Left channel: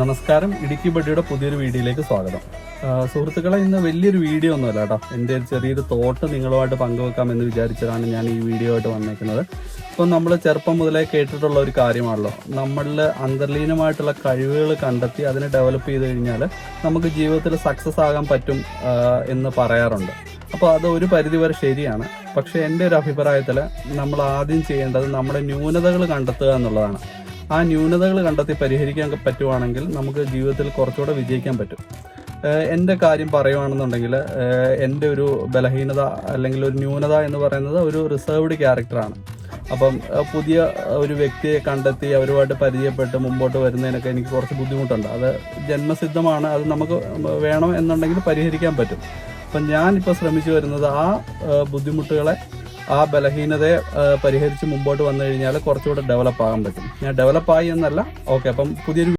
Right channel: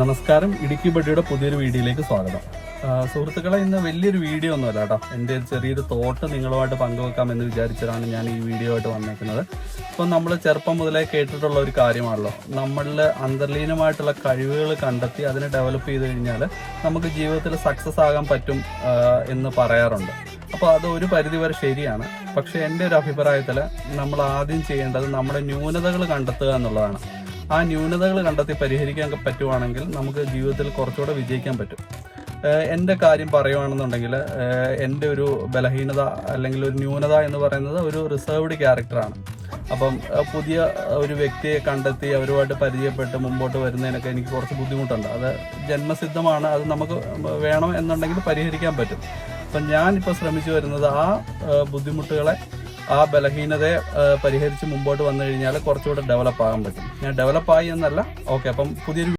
നമസ്കാരം, ഇടുക്കി ബഡിയുടെ പുതിയൊരു വീഡിയോയിലേക്ക് സ്വാഗതം. സുഹൃത്തുക്കളെ, ഇന്ന് വലിയൊരു വീഡിയോ ഒന്നുമല്ല കേട്ടോ. എൻ്റെ ചെറിയൊരു തോട്ട് നിങ്ങളുമായിട്ട് പങ്കുവെക്കാമെന്ന് വിചാരിച്ചതാണ് ഞാൻ ഈ വീഡിയോ ആയിട്ട് വന്നേക്കുന്നത്. ഇപ്പം നമ്മൾ ചെറുപ്പം മുതലേ കേട്ടിട്ടുള്ള ഒരു കാര്യമാണല്ലോ, നമ്മളിൽ അന്തർലീനമായിട്ടുള്ള കഴിവുകൾ കണ്ടെത്തി അതിനെ ഡെവലപ്പ് ചെയ്ത് കഴിഞ്ഞാൽ നമുക്ക് ജീവിതത്തിൽ സക്സസ് ആകാൻ പറ്റും എന്ന് പറയാറുണ്ട്. അപ്പോൾ അത് ഒരു പരിധിവരെ ശരിയാണ്. പക്ഷേ എൻ്റെ ഒരു അഭിപ്രായത്തിൽ നമ്മൾ ആദ്യം ചെയ്യേണ്ടത് നമ്മുടെ ന്യൂനതകൾ കണ്ടെത്തുക എന്നുള്ളതാണ്. ആ ന്യൂനതകൾ കണ്ടെത്തി പരിഹരിക്കാൻ പറ്റുവാണെങ്കിൽ നമുക്ക് ജീവിതത്തിൽ കുറച്ചുകൂടെ വിജയിക്കാൻ പറ്റും. എൻ്റെ കാര്യം പറയുകയാണെന്നുണ്ടെങ്കിൽ, എൻ്റെ ഒരു ബലഹീനത അല്ലെങ്കിൽ ഒരു ന്യൂനത എന്ന് പറയുന്നത് ഒരു റിസർവ്ഡ് ക്യാരക്ടറാണ്. അപ്പം പുതിയ ഒരു വ്യക്തിയെ കണ്ടെത്തി അവരുമായിട്ട് പരിചയപ്പെട്ട് മുമ്പോട്ട് വരുന്നതിനൊക്കെ എനിക്ക് കുറച്ച് ബുദ്ധിമുട്ടുണ്ട്. അത് ജന്മസിദ്ധമാണ്. അത് നമുക്ക് വേണം എന്നുണ്ടെങ്കിൽ പരിഹരിക്കാൻ പറ്റും. അപ്പം ഞാനിപ്പോൾ ശ്രമിച്ചു വരുന്നത് ആ ബുദ്ധിമുട്ടുകളെ, ആ ബലഹീനതയെ പരിഹരിച്ച് മുമ്പോട്ട് വന്നു കഴിഞ്ഞാൽ കുറച്ചുകൂടെ ഡെവലപ്പ് ആകാൻ പറ്റും. ഞാൻ ഡെവലപ്പായി എന്നല്ല, ഓക്കെ. അപ്പം പുതിയൊരു